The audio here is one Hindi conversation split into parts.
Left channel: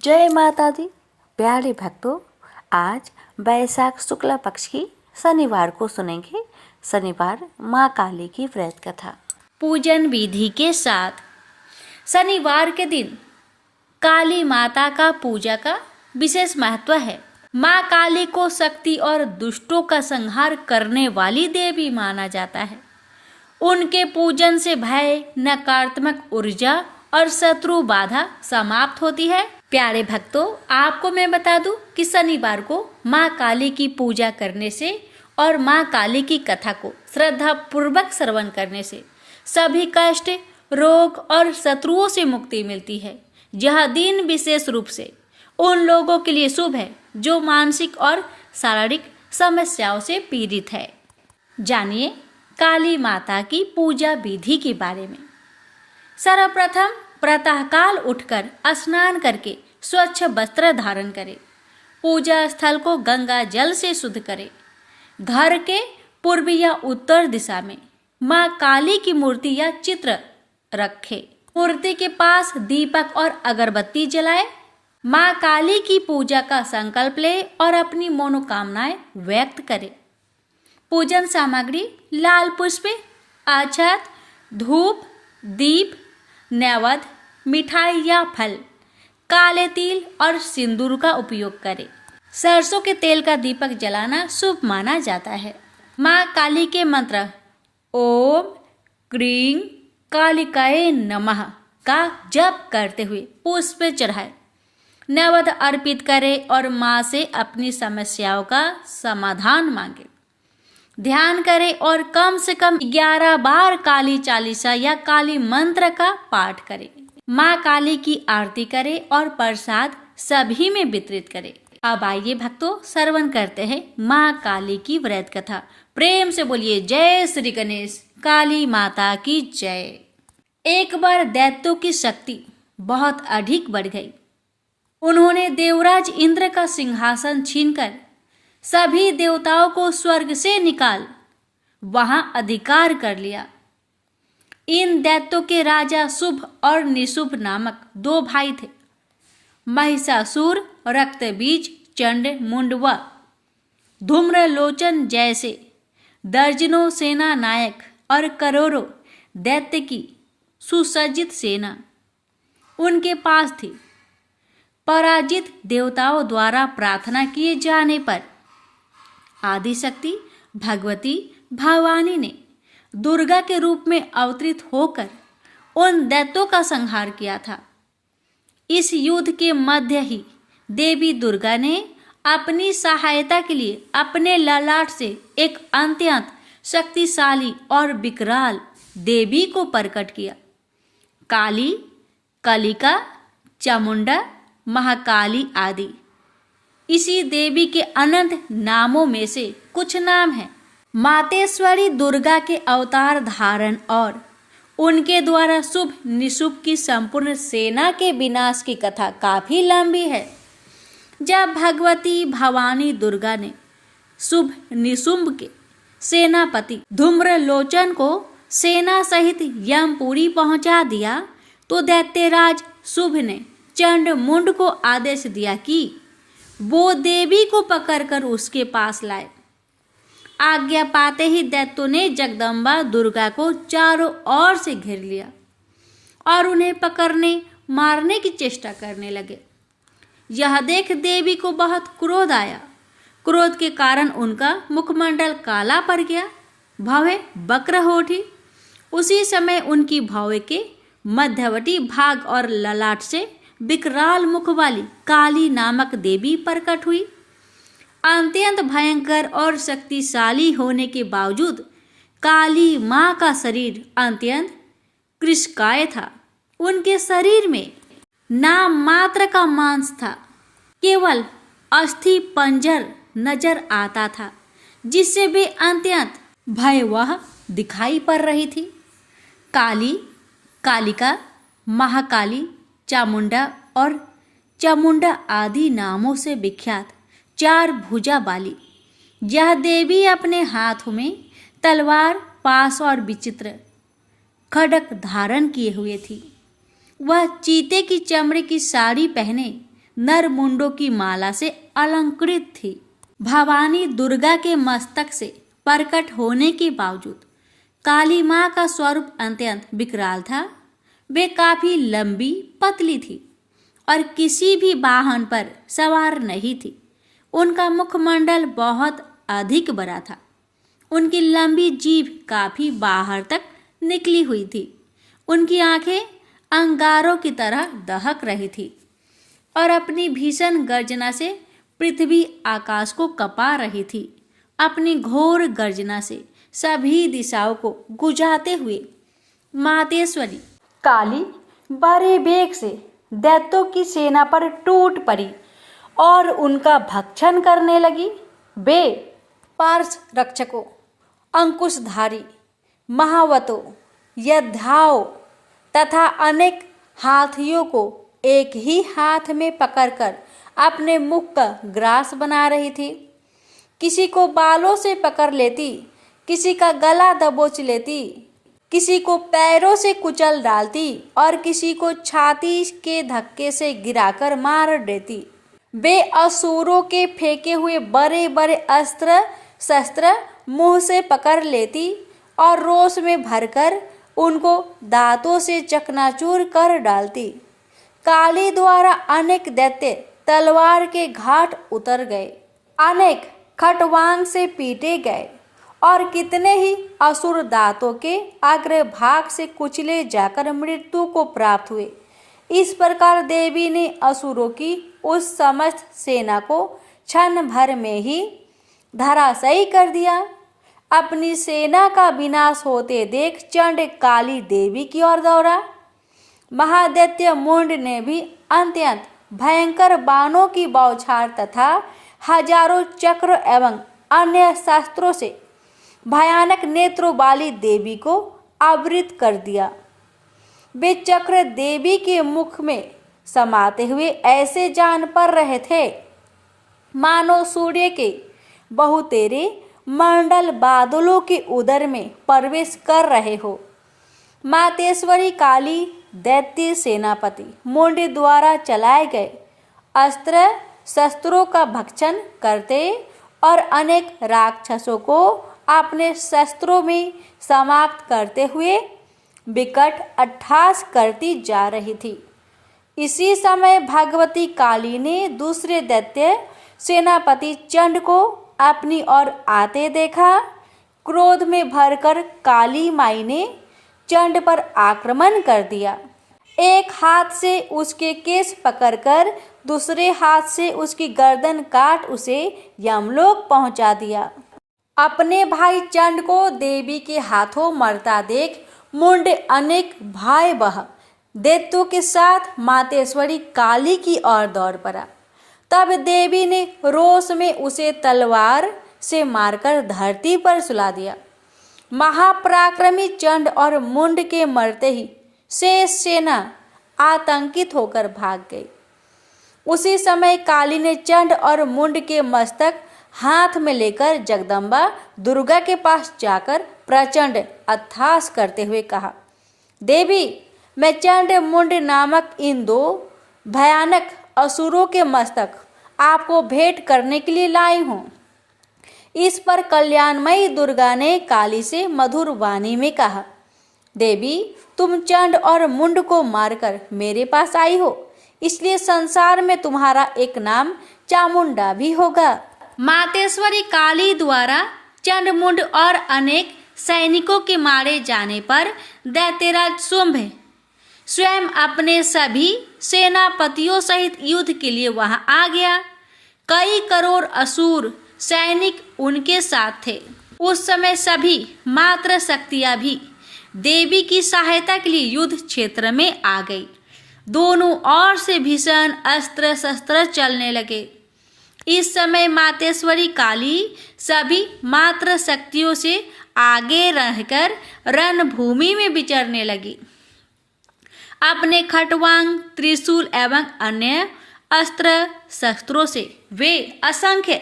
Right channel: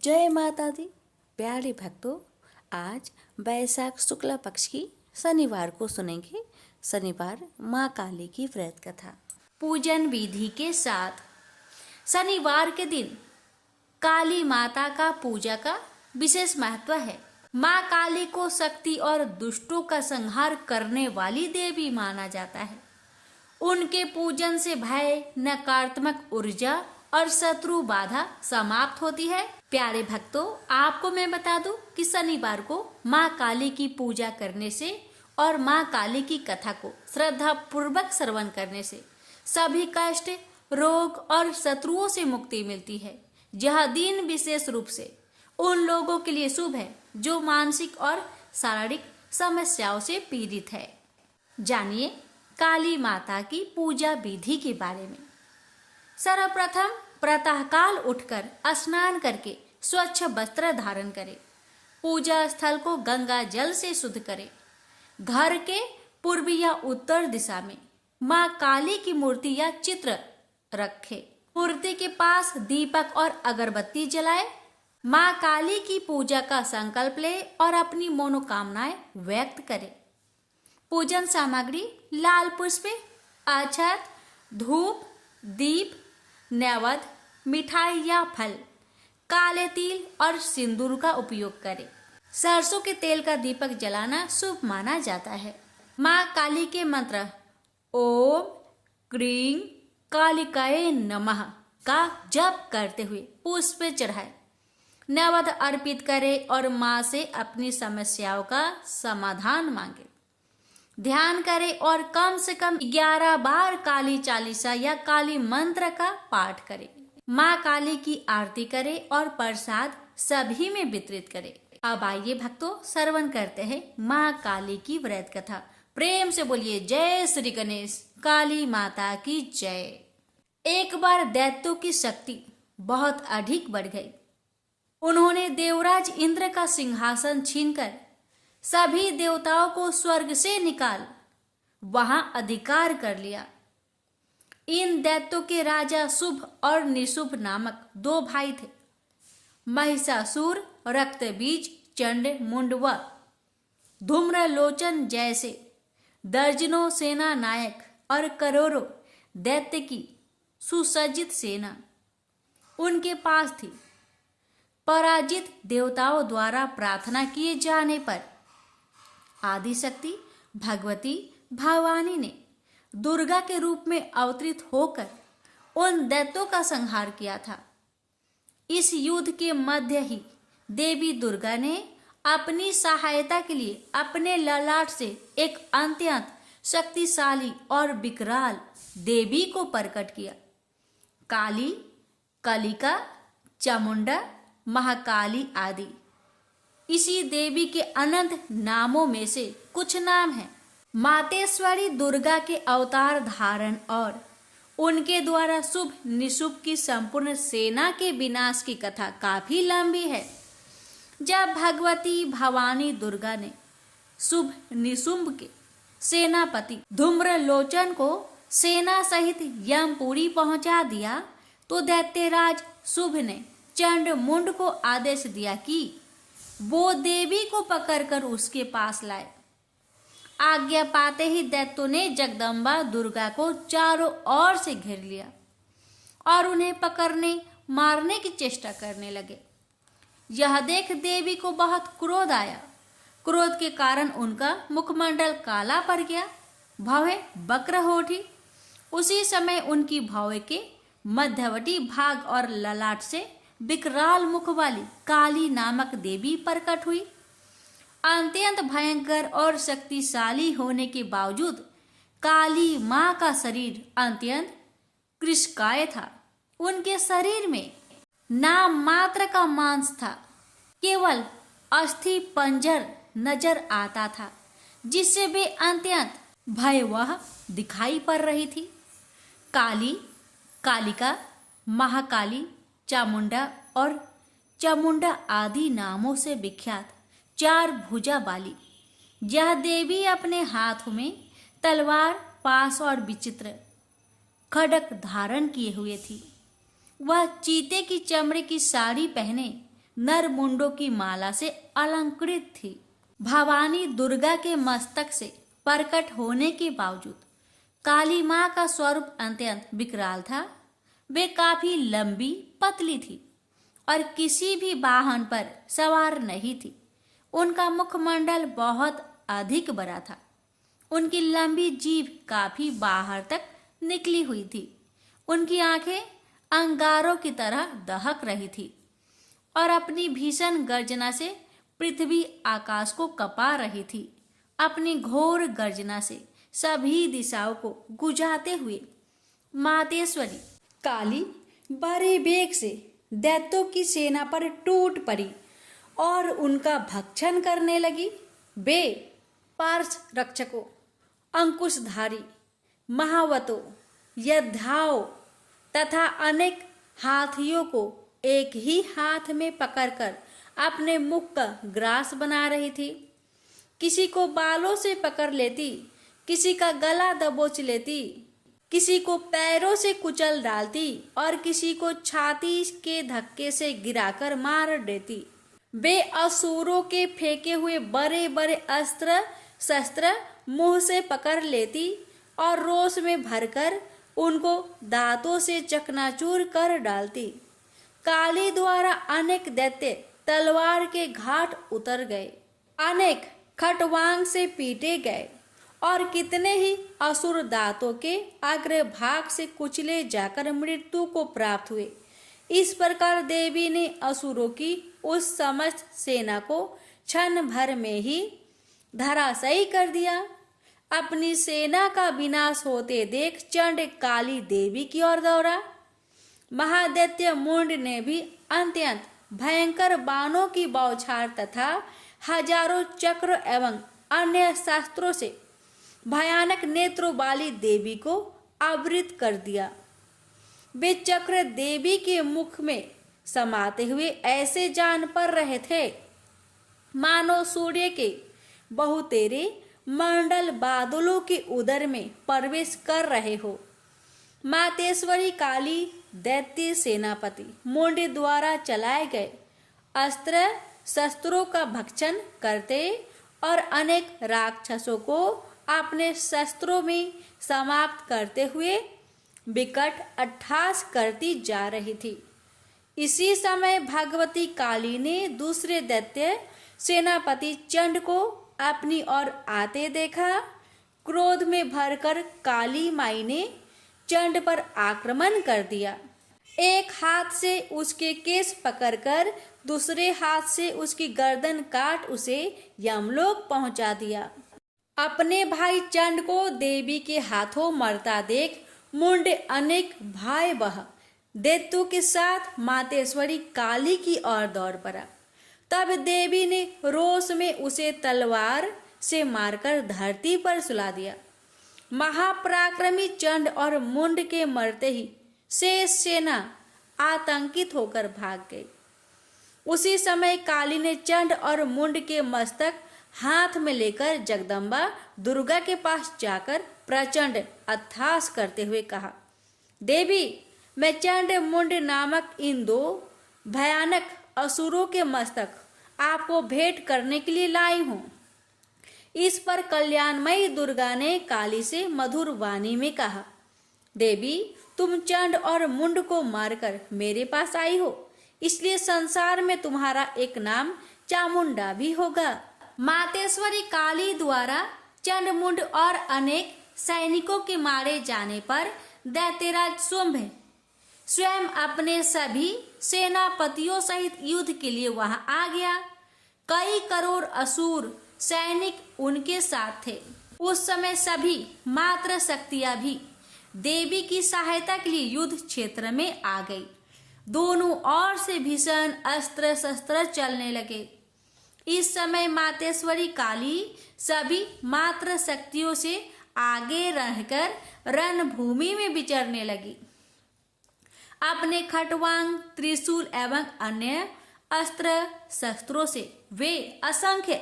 जय माता दी। प्यारे भक्तों, आज वैशाख शुक्ला पक्ष की शनिवार को सुनेंगे शनिवार माँ काली की व्रत कथा। पूजन विधि के साथ शनिवार के दिन काली माता का पूजा का विशेष महत्व है। माँ काली को शक्ति और दुष्टों का संहार करने वाली देवी माना जाता है। उनके पूजन से भय, नकारात्मक ऊर्जा और शत्रु बाधा समाप्त होती है। प्यारे भक्तों, आपको मैं बता दूं कि शनिवार को माँ काली की पूजा करने से और माँ काली की कथा को श्रद्धा पूर्वक श्रवण करने से सभी कष्ट, रोग और शत्रुओं से मुक्ति मिलती है। यह दिन विशेष रूप से उन लोगों के लिए शुभ है जो मानसिक और शारीरिक समस्याओं से पीड़ित है। जानिए काली माता की पूजा विधि के बारे में। सर्वप्रथम प्रातःकाल उठकर स्नान करके स्वच्छ वस्त्र धारण करें। पूजा स्थल को गंगा जल से शुद्ध करें। घर के पूर्व या उत्तर दिशा में माँ काली की मूर्ति या चित्र रखें। मूर्ति के पास दीपक और अगरबत्ती जलाएं। माँ काली की पूजा का संकल्प लें और अपनी मनोकामनाएं व्यक्त करें। पूजन सामग्री लाल पुष्प, अक्षत, धूप, दीप, नैवेद्य, मिठाई या फल, काले तिल और सिंदूर का उपयोग करें। सरसों के तेल का दीपक जलाना शुभ माना जाता है। माँ काली के मंत्र ओम क्रीं कालिकाए नमः का जप करते हुए पुष्प चढ़ाए, नैवेद्य अर्पित करें और माँ से अपनी समस्याओं का समाधान मांगे। ध्यान करें और कम से कम 11 बार काली चालीसा या काली मंत्र का पाठ करें। माँ काली की आरती करें और प्रसाद सभी में वितरित करें। अब आइए भक्तों, श्रवण करते हैं माँ काली की व्रत कथा। प्रेम से बोलिए जय श्री गणेश, काली माता की जय। एक बार दैत्यों की शक्ति बहुत अधिक बढ़ गई। उन्होंने देवराज इंद्र का सिंहासन छीनकर सभी देवताओं को स्वर्ग से निकाल वहां अधिकार कर लिया। इन दैत्यों के राजा शुभ और निशुभ नामक 2 भाई थे। महिषासुर, रक्तबीज, चंड मुंड व धूम्रलोचन जैसे दर्जनों सेना नायक और करोड़ों दैत्य की सुसज्जित सेना उनके पास थी। पराजित देवताओं द्वारा प्रार्थना किए जाने पर आदिशक्ति भगवती भवानी ने दुर्गा के रूप में अवतरित होकर उन दैत्यों का संहार किया था। इस युद्ध के मध्य ही देवी दुर्गा ने अपनी सहायता के लिए अपने ललाट से एक अत्यंत शक्तिशाली और विकराल देवी को प्रकट किया। काली, कलिका, चामुंडा, महाकाली आदि इसी देवी के अनंत नामों में से कुछ नाम हैं। मातेश्वरी दुर्गा के अवतार धारण और उनके द्वारा शुभ निशुभ की संपूर्ण सेना के विनाश की कथा काफी लंबी है। जब भगवती भवानी दुर्गा ने शुभ निशुंभ के सेनापति धूम्रलोचन को सेना सहित यमपुरी पहुंचा दिया तो दैत्यराज शुभ ने चंड मुंड को आदेश दिया कि वो देवी को पकड़कर उसके पास लाए। आज्ञा पाते ही दैत्यों ने जगदम्बा दुर्गा को चारों ओर से घेर लिया और उन्हें पकड़ने मारने की चेष्टा करने लगे। यह देख देवी को बहुत क्रोध आया। क्रोध के कारण उनका मुखमंडल काला पड़ गया, भवें वक्र हो उठी। उसी समय उनकी भौं के मध्यवर्ती भाग और ललाट से विकराल मुख वाली काली नामक देवी प्रकट हुई। अत्यंत भयंकर और शक्तिशाली होने के बावजूद काली माँ का शरीर अत्यंत कृशकाय था। उनके शरीर में नाम मात्र का मांस था, केवल अस्थि पंजर नजर आता था, जिससे वे अत्यंत भयावह दिखाई पड़ रही थी। काली, कालिका, महाकाली, चामुंडा और चामुंडा आदि नामों से विख्यात 4 भुजा वाली यह देवी अपने हाथों में तलवार, पास और विचित्र खड्ग धारण किए हुए थी। वह चीते की चमड़े की साड़ी पहने नर मुंडों की माला से अलंकृत थी। भवानी दुर्गा के मस्तक से प्रकट होने के बावजूद काली माँ का स्वरूप अत्यंत विकराल था। वे काफी लंबी पतली थी और किसी भी वाहन पर सवार नहीं थी। उनका मुखमंडल बहुत अधिक बड़ा था। उनकी लंबी जीभ काफी बाहर तक निकली हुई थी। उनकी आंखें अंगारों की तरह दहक रही थी और अपनी भीषण गर्जना से पृथ्वी आकाश को कपा रही थी। अपनी घोर गर्जना से सभी दिशाओं को गुजाते हुए मातेश्वरी काली बड़े वेग से दैत्यों की सेना पर टूट पड़ी और उनका भक्षण करने लगी। वे पार्श रक्षकों, अंकुशधारी, महावतों, योद्धाओं तथा अनेक हाथियों को एक ही हाथ में पकड़कर अपने मुख का ग्रास बना रही थी। किसी को बालों से पकड़ लेती, किसी का गला दबोच लेती, किसी को पैरों से कुचल डालती और किसी को छाती के धक्के से गिराकर मार देती। वे असुरों के फेंके हुए बड़े बड़े अस्त्र शस्त्र मुंह से पकड़ लेती और रोष में भरकर उनको दांतों से चकनाचूर कर डालती। काली द्वारा अनेक दैत्य तलवार के घाट उतर गए, अनेक खटवांग से पीटे गए और कितने ही असुर दांतों के अग्रभाग से कुचले जाकर मृत्यु को प्राप्त हुए। इस प्रकार देवी ने असुरों की उस समस्त सेना को क्षण भर में ही धराशायी कर दिया। अपनी सेना का विनाश होते देख चंड काली देवी की ओर दौड़ा। महादैत्य मुंड ने भी अत्यंत भयंकर बाणों की बौछार तथा हजारों चक्र एवं अन्य शस्त्रों से भयानक नेत्रों वाली देवी को आवृत कर दिया। वे चक्र देवी के मुख में समाते हुए ऐसे जान पड़ रहे थे मानो सूर्य के बहुतेरे मंडल बादलों के उदर में प्रवेश कर रहे हो। मातेश्वरी काली दैत्य सेनापति मुंड द्वारा चलाए गए अस्त्र शस्त्रों का भक्षण करते और अनेक राक्षसों को अपने शस्त्रों में समाप्त करते हुए विकट अट्टहास करती जा रही थी। इसी समय भगवती काली ने दूसरे दैत्य सेनापति चंड को अपनी ओर आते देखा। क्रोध में भरकर काली माई ने चंड पर आक्रमण कर दिया। एक हाथ से उसके केस पकड़कर दूसरे हाथ से उसकी गर्दन काट उसे यमलोक पहुंचा दिया। अपने भाई चंड को देवी के हाथों मरता देख मुंड अनेक भयावह दैत्यों के साथ मातेश्वरी काली की ओर दौड़ पड़ा। तब देवी ने रोष में उसे तलवार से मारकर धरती पर सुला दिया। महापराक्रमी चंड और मुंड के मरते ही शेष सेना आतंकित होकर भाग गई। उसी समय काली ने चंड और मुंड के मस्तक हाथ में लेकर जगदम्बा दुर्गा के पास जाकर प्रचंड अट्टहास करते हुए कहा, देवी, मैं चंड मुंड नामक इन दो भयानक असुरों के मस्तक आपको भेंट करने के लिए लाई हूँ। इस पर कल्याणमयी दुर्गा ने काली से मधुर वाणी में कहा, देवी, तुम चंड और मुंड को मारकर मेरे पास आई हो, इसलिए संसार में तुम्हारा एक नाम चामुंडा भी होगा। मातेश्वरी काली द्वारा चंड मुंड और अनेक सैनिकों के मारे जाने पर दैत्यराज शुंभ स्वयं अपने सभी सेनापतियों सहित युद्ध के लिए वहां आ गया। कई करोड़ असुर सैनिक उनके साथ थे। उस समय सभी मात्र शक्तियां भी देवी की सहायता के लिए युद्ध क्षेत्र में आ गई। दोनों ओर से भीषण अस्त्र शस्त्र चलने लगे। इस समय मातेश्वरी काली सभी मात्र शक्तियों से आगे रहकर रणभूमि में विचरने लगी। अपने खटवांग, त्रिशूल एवं अन्य अस्त्र शस्त्रों से वे असंख्य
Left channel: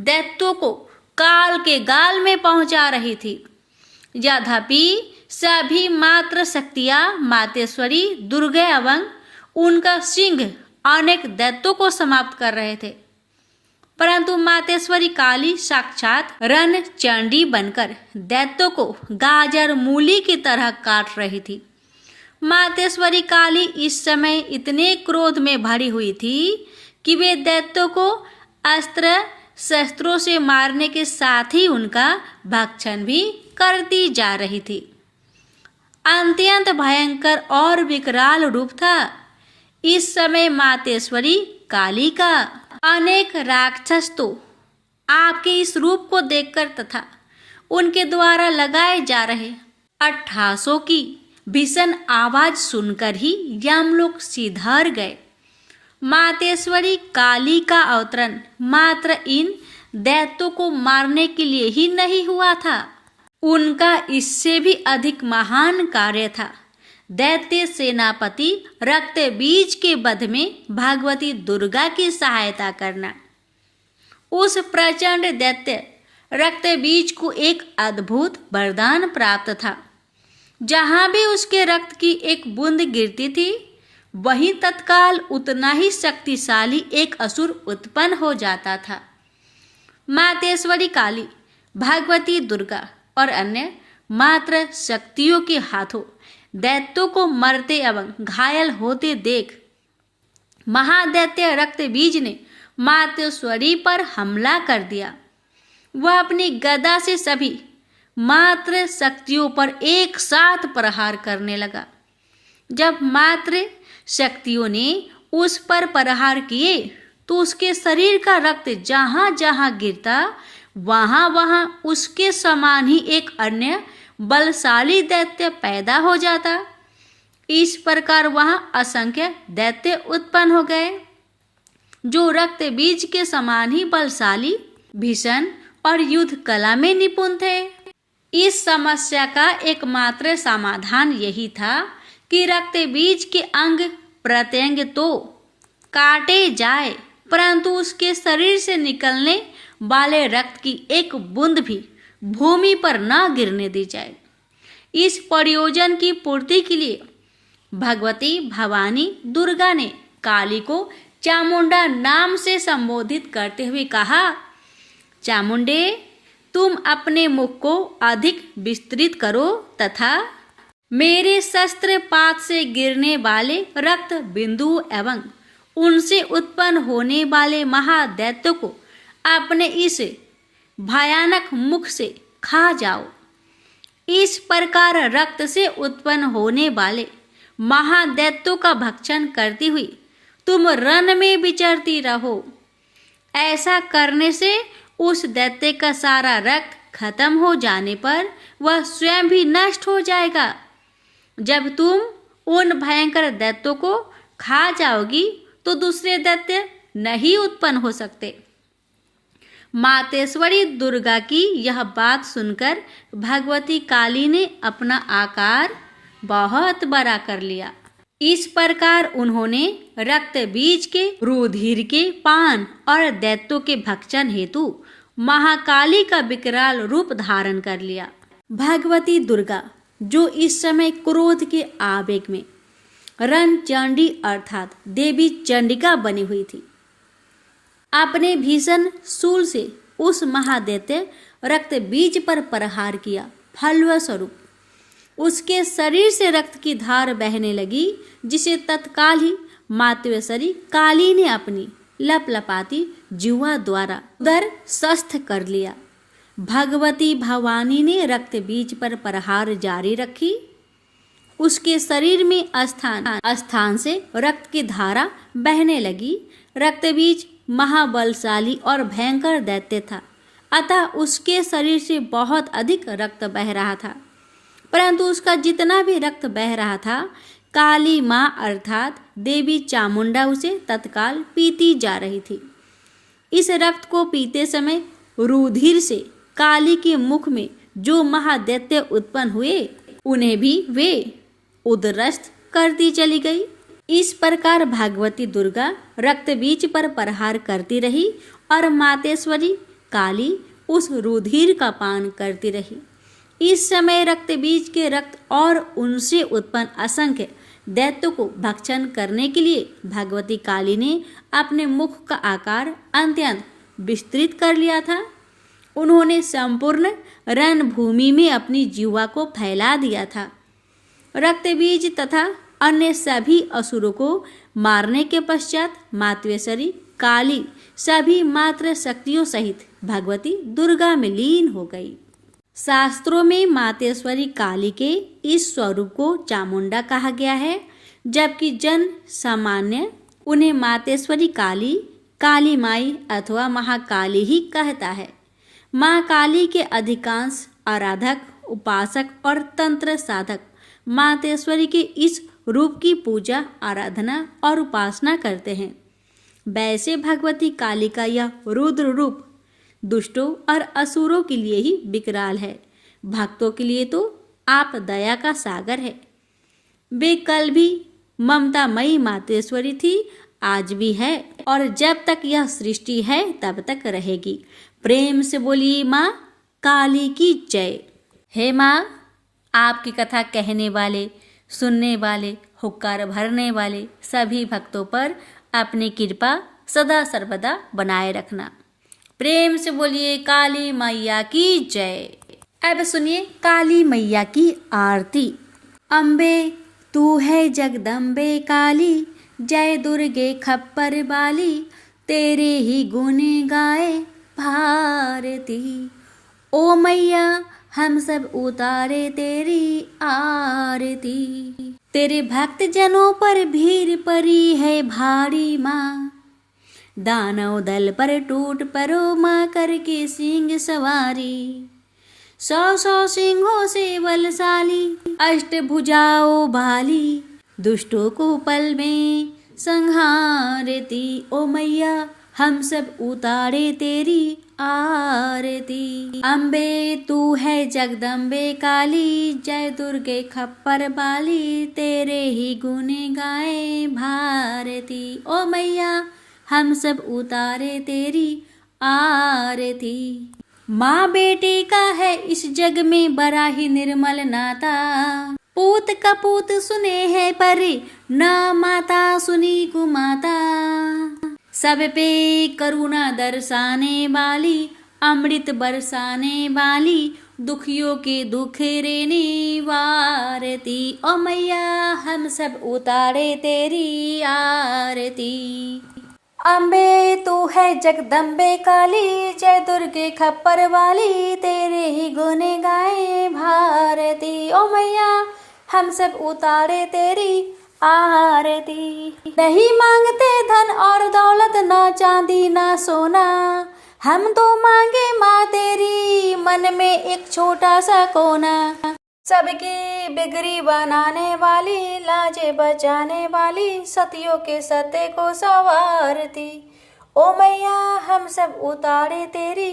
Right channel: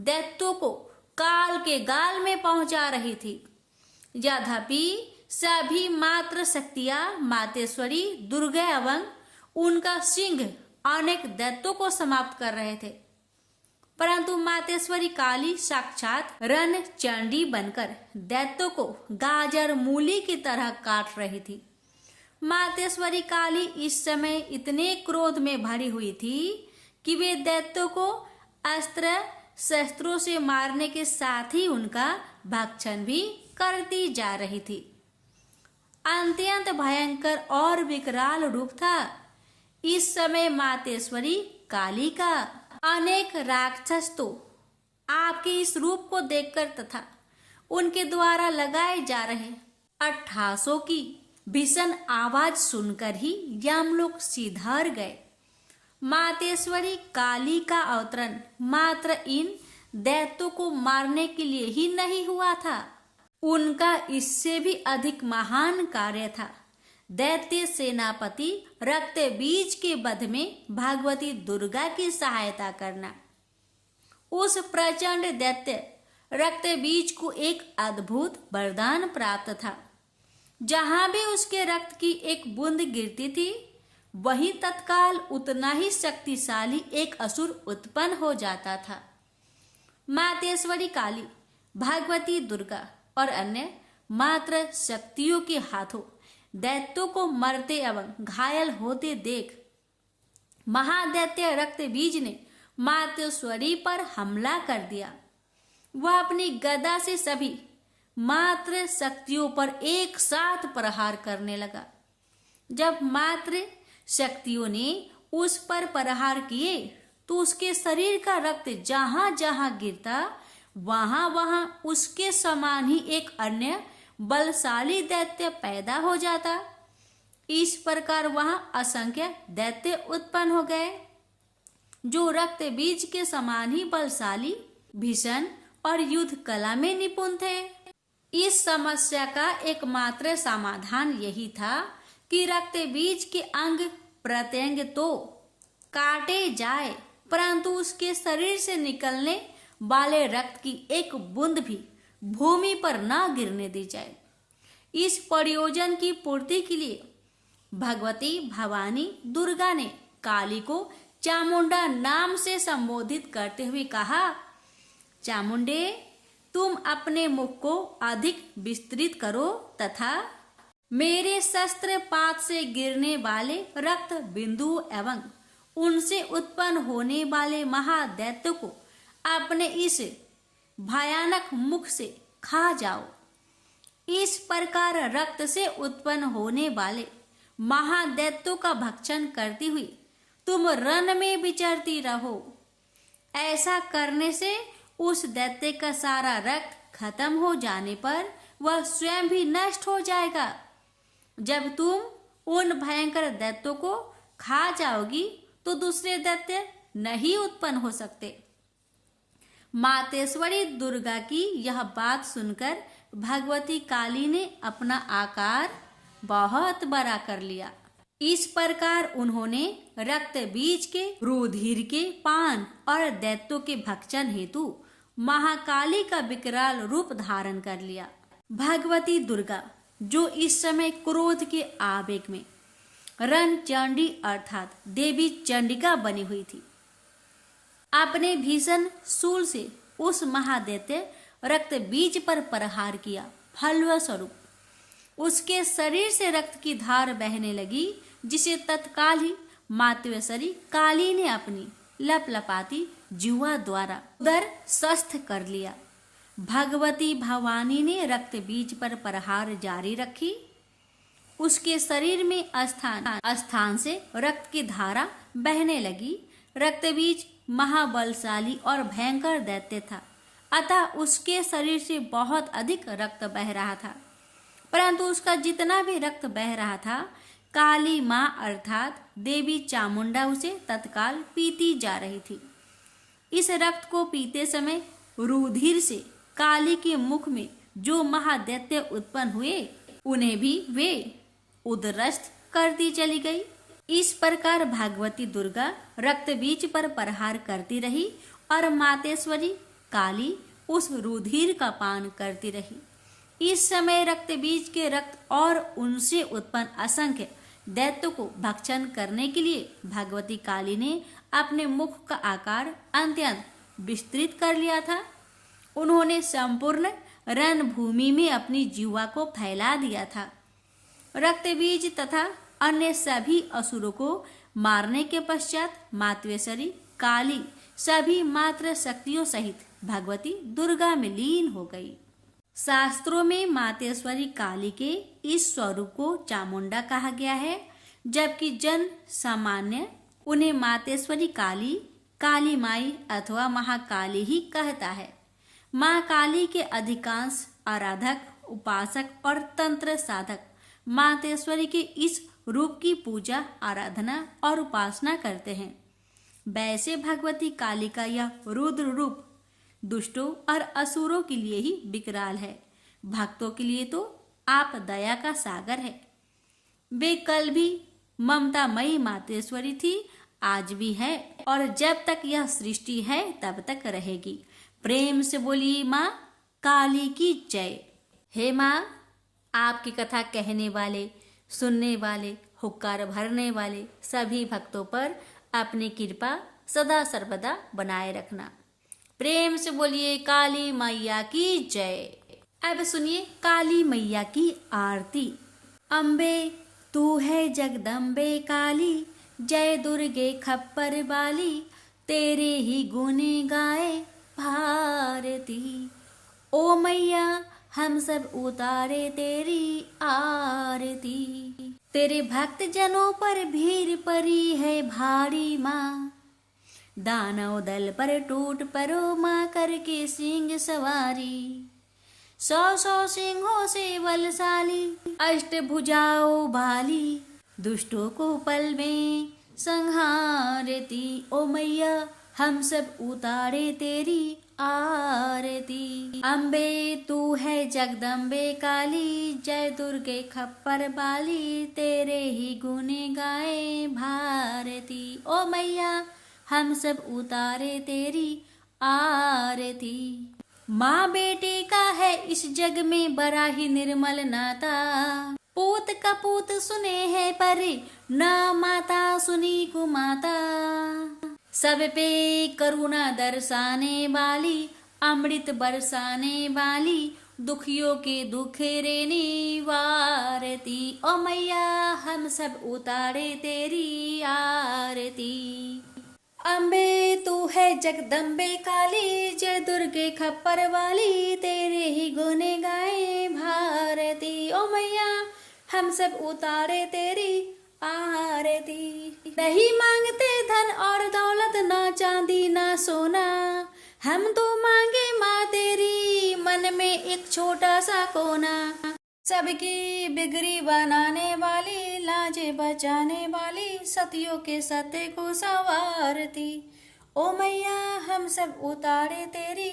दैत्यों को काल के गाल में पहुंचा रही थी। यद्यपि सभी मात्र शक्तियां मातेश्वरी दुर्गा एवं उनका सिंह अनेक दैत्यों को समाप्त कर रहे थे, परंतु मातेश्वरी काली साक्षात रण चंडी बनकर दैत्यों को गाजर मूली की तरह काट रही थी। मातेश्वरी काली इस समय इतने क्रोध में भरी हुई थी कि वे दैत्यों को अस्त्र शस्त्रों से मारने के साथ ही उनका भक्षण भी करती जा रही थी। अत्यंत भयंकर और विकराल रूप था इस समय मातेश्वरी काली का। अनेक राक्षस तो आपके इस रूप को देखकर तथा उनके द्वारा लगाए जा रहे अट्ठासों की भीषण आवाज सुनकर ही यमलोक सिधार गए। मातेश्वरी काली का अवतरण मात्र इन दैत्यों को मारने के लिए ही नहीं हुआ था, उनका इससे भी अधिक महान कार्य था। दैत्य सेनापति रक्तबीज के वध में भगवती दुर्गा की सहायता करना। उस प्रचंड दैत्य रक्तबीज को एक अद्भुत वरदान प्राप्त था। जहां भी उसके रक्त की एक बूंद गिरती थी, वहीं तत्काल उतना ही शक्तिशाली एक असुर उत्पन्न हो जाता था। मातेश्वरी काली, भगवती दुर्गा और अन्य मात्र शक्तियों के हाथों दैत्यों को मरते एवं घायल होते देख महादैत्य रक्तबीज ने मातेश्वरी पर हमला कर दिया। वह अपनी गदा से सभी मात्र शक्तियों पर एक साथ प्रहार करने लगा। जब मात्र शक्तियों ने उस पर प्रहार किए तो उसके शरीर का रक्त जहां जहां गिरता वहां वहां उसके समान ही एक अन्य बलशाली दैत्य पैदा हो जाता। इस प्रकार वहां असंख्य दैत्य उत्पन्न हो गए जो रक्त बीज के समान ही बलशाली, भीषण और युद्ध कला में निपुण थे। इस समस्या का एकमात्र समाधान यही था कि रक्त बीज के अंग प्रत्यंग तो काटे जाए, परंतु उसके शरीर से निकलने वाले रक्त की एक बूंद भी भूमि पर न गिरने दी जाए। इस प्रयोजन की पूर्ति के लिए भगवती भवानी दुर्गा ने काली को चामुंडा नाम से संबोधित करते हुए कहा, चामुंडे, तुम अपने मुख को अधिक विस्तृत करो तथा मेरे शस्त्रपात से गिरने वाले रक्त बिंदु एवं उनसे उत्पन्न होने वाले महादैत्यों को अपने इस भयानक मुख से खा जाओ। इस प्रकार रक्त से उत्पन्न होने वाले महादैत्यों का भक्षण करती हुई तुम रण में विचरती रहो। ऐसा करने से उस दैत्य का सारा रक्त खत्म हो जाने पर वह स्वयं भी नष्ट हो जाएगा। जब तुम उन भयंकर दैत्यों को खा जाओगी तो दूसरे दैत्य नहीं उत्पन्न हो सकते। मातेश्वरी दुर्गा की यह बात सुनकर भगवती काली ने अपना आकार बहुत बड़ा कर लिया। इस प्रकार उन्होंने रक्त बीज के रुधिर के पान और दैत्यों के भक्षण हेतु महाकाली का विकराल रूप धारण कर लिया। भगवती दुर्गा, जो इस समय क्रोध के आवेग में रणचंडी अर्थात देवी चंडिका बनी हुई थी, अपने भीषण शूल से उस महादैत्य रक्त बीज पर प्रहार किया। फलस्वरूप उसके शरीर से रक्त की धार बहने लगी, जिसे तत्काल ही मातेश्वरी काली ने अपनी लपलपाती जिह्वा द्वारा उदर स्वस्थ कर लिया। भगवती भवानी ने रक्त बीज पर प्रहार जारी रखी। उसके शरीर में स्थान से रक्त की धारा बहने लगी। रक्त बीज महाबलशाली और भयंकर दैत्य था, अतः उसके शरीर से बहुत अधिक रक्त बह रहा था, परंतु उसका जितना भी रक्त बह रहा था, काली माँ अर्थात देवी चामुंडा उसे तत्काल पीती जा रही थी। इस रक्त को पीते समय रुधिर से काली के मुख में जो महादैत्य उत्पन्न हुए, उन्हें भी वे उदरस्त करती चली गई। इस प्रकार भगवती दुर्गा रक्त बीज पर प्रहार करती रही और मातेश्वरी काली उस रुधिर का पान करती रही। इस समय रक्त बीज के रक्त और उनसे उत्पन्न असंख्य दैत्य को भक्षण करने के लिए भगवती काली ने अपने मुख का आकार अत्यंत विस्तृत कर लिया था। उन्होंने संपूर्ण रणभूमि में अपनी जीवा को फैला दिया था। रक्तबीज तथा अन्य सभी असुरों को मारने के पश्चात मातवेश्वरी काली सभी मात्र शक्तियों सहित भगवती दुर्गा में लीन हो गई। शास्त्रों में मातेश्वरी काली के इस स्वरूप को चामुंडा कहा गया है, जबकि जन सामान्य उन्हें मातेश्वरी काली, काली माई अथवा महाकाली ही कहता है। माँ काली के अधिकांश आराधक, उपासक और तंत्र साधक मातेश्वरी के इस रूप की पूजा, आराधना और उपासना करते हैं। वैसे भगवती काली का यह रुद्र रूप दुष्टों और असुरों के लिए ही विकराल है, भक्तों के लिए तो आप दया का सागर है। वे कल भी ममतामयी मातेश्वरी थी, आज भी है और जब तक यह सृष्टि है तब तक रहेगी। प्रेम से बोलिए माँ काली की जय। हे माँ, आपकी कथा कहने वाले, सुनने वाले, हुक्कार भरने वाले सभी भक्तों पर अपनी कृपा सदा सर्वदा बनाए रखना। प्रेम से बोलिए काली मैया की जय। अब सुनिए काली मैया की आरती। अम्बे तू है जगदम्बे काली, जय दुर्गे खप्पर बाली, तेरे ही गुण गाए भारती। ओ मैया हम सब उतारे तेरी आरती। तेरे भक्त जनों पर भीड़ पड़ी है भारी माँ, दानव दल पर टूट पड़ो माँ करके सिंह सवारी। 100 सिंहों से बलशाली, अष्टभुजाओ भाली, दुष्टों को पल में संहारती। ओ मैया हम सब उतारे तेरी आरती। अम्बे तू है जगदम्बे काली, जय दुर्गे खप्पर बाली, तेरे ही गुण गाए भारती। ओ मैया हम सब उतारे तेरी आरती। माँ बेटी का है इस जग में बड़ा ही निर्मल नाता, पूत कपूत सुने है परे, ना माता सुनी कुमाता। सब पे करुणा दर्शाने वाली, अमृत बरसाने वाली, दुखियों के दुख रेने वारती। ओ मैया हम सब उतारे तेरी आरती। अम्बे तू है जगदम्बे काली, जय दुर्गे खप्पर वाली, तेरे ही गुण गाए भारती। ओ मैया हम सब उतारे तेरी आरती। नहीं मांगते धन और दौलत, ना चांदी ना सोना, हम तो मांगे माँ तेरी मन में एक छोटा सा कोना। सबकी बिगड़ी बनाने वाली, लाजे बचाने वाली, सतियों के सत्य को संवारती। ओ मैया हम सब उतारे तेरी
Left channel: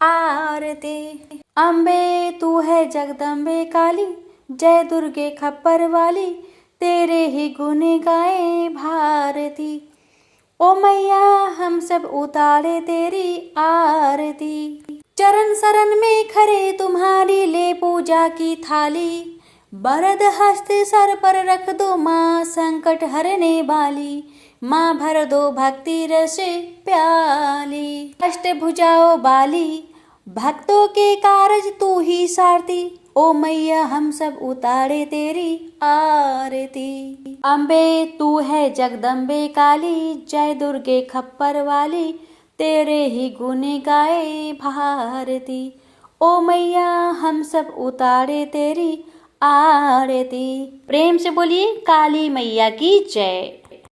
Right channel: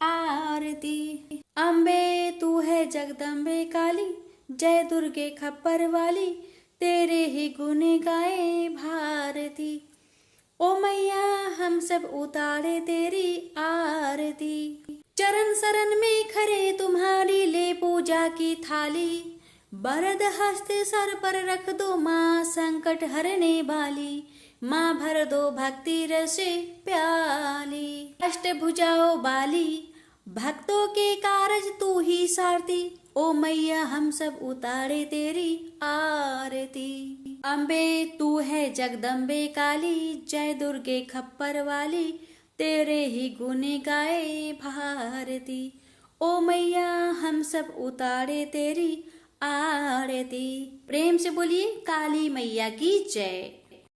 आरती। अम्बे तू है जगदम्बे काली, जय दुर्गे खप्पर वाली, तेरे ही गुण गाए भारती। ओ मैया हम सब उतारे तेरी आरती। चरण शरण में खड़े तुम्हारी ले पूजा की थाली, बरद हस्त सर पर रख दो माँ संकट हरने वाली। माँ भर दो भक्ति रस प्याली, अष्टभुजाओ बाली, भक्तों के कारज तू ही सारती। ओ मैया हम सब उतारे तेरी आरती। अम्बे तू है जगदम्बे काली, जय दुर्गे खप्पर वाली, तेरे ही गुण गाए भारती। ओ मैया हम सब उतारे तेरी आरती। प्रेम से बोलिए काली मैया की जय।